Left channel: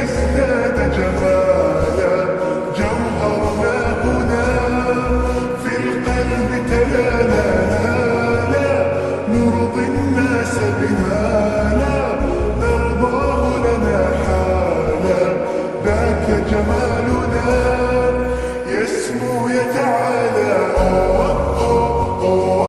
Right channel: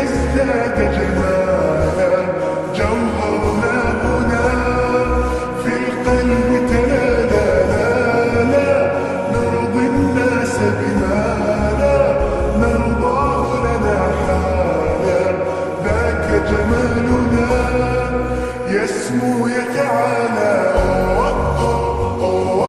لنزداد جمالا. جوهرنا هنا في القلب تلالا، لا نرضي الناس بما لا نرضاه لنا حالا. ذاك جمالنا يسمو يتعالى